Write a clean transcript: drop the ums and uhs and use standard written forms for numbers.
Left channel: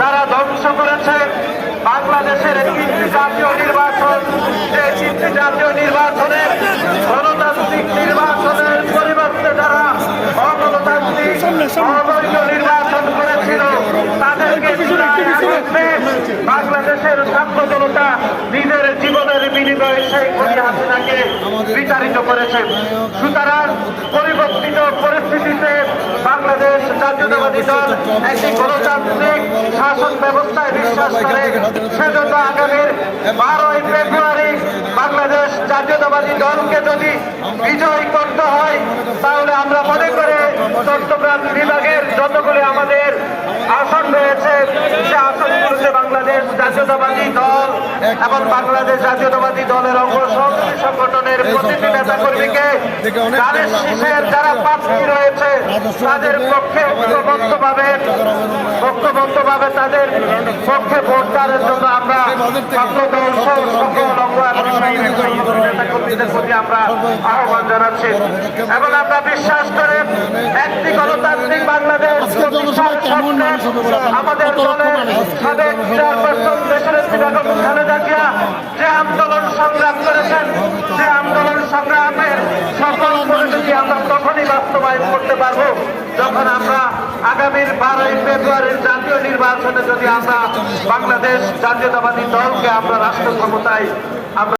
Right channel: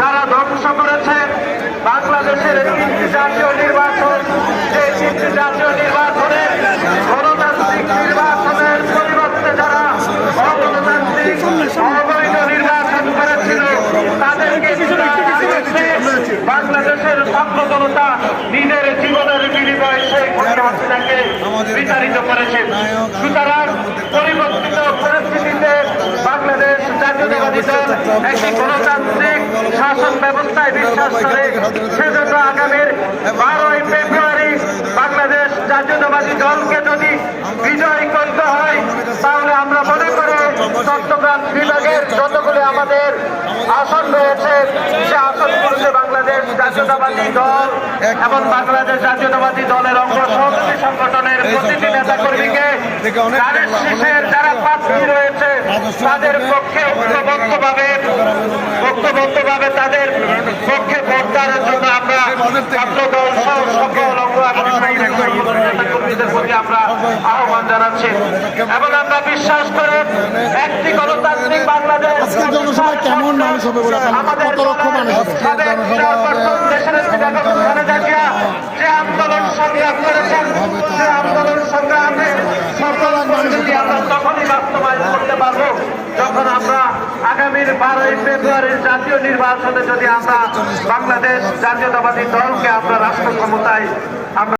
যারা ধ্বংস করেছে বাংলাদেশের তিনটি জাতীয় নির্বাচন, যে তিনটি জাতীয় নির্বাচনে গণতান্ত্রিক নির্বাচনের পরিবর্তে যারা অগণতান্ত্রিক অবৈধ নির্বাচন করেছিল তাদেরকে বাংলাদেশের ছাত্র জনতা নিজের জীবনের বিনিময়ে শেখ হাসিনাকে বিতাড়িত করেছে। সুতরাং পরিবর্তিত পরিস্থিতিতে বাংলাদেশ জাতীয়তাবাদী দল একটি গণতান্ত্রিক শাসন ব্যবস্থায় বিশ্বাস করে সেজন্য আগামীর 12ই ফেব্রুয়ারি বাংলাদেশ জাতীয়তাবাদী দলকে যদি বিজয়ী করতে হয় তাহলে আমরা মনে করি চট্টগ্রাম বিভাগের যতগুলি আমাদের আসন রয়েছে সে আসনগুলোতে বাংলাদেশ জাতীয়তাবাদী দল এবং বাংলাদেশ জাতীয়তাবাদী দলের অঙ্গ সংগঠনের প্রতিটি নেতা কর্মীকে রয়েছে তাদের পক্ষে ঐক্যবদ্ধভাবে তাদের পক্ষে ভোটদানের জন্য আমরা আহ্বান জানাচ্ছি এবং আমরা বিশ্বাস করি একটি গণতান্ত্রিক বাংলাদেশ জনসভায় কেমন মানুষ হবে বলে কত লক্ষ মানুষ যে আন্দোলন সংগ্রাম করেছেন সে আন্দোলন সংগ্রামের তখনই বাস্তবায়ন করতে পারবো যখন আমরা আগামীর 12ই ফেব্রুয়ারির জাতীয় নির্বাচনে যদি আমরা বাংলাদেশ জাতীয়তাবাদী দলকে আমরা রাষ্ট্র ক্ষমতায় আমরা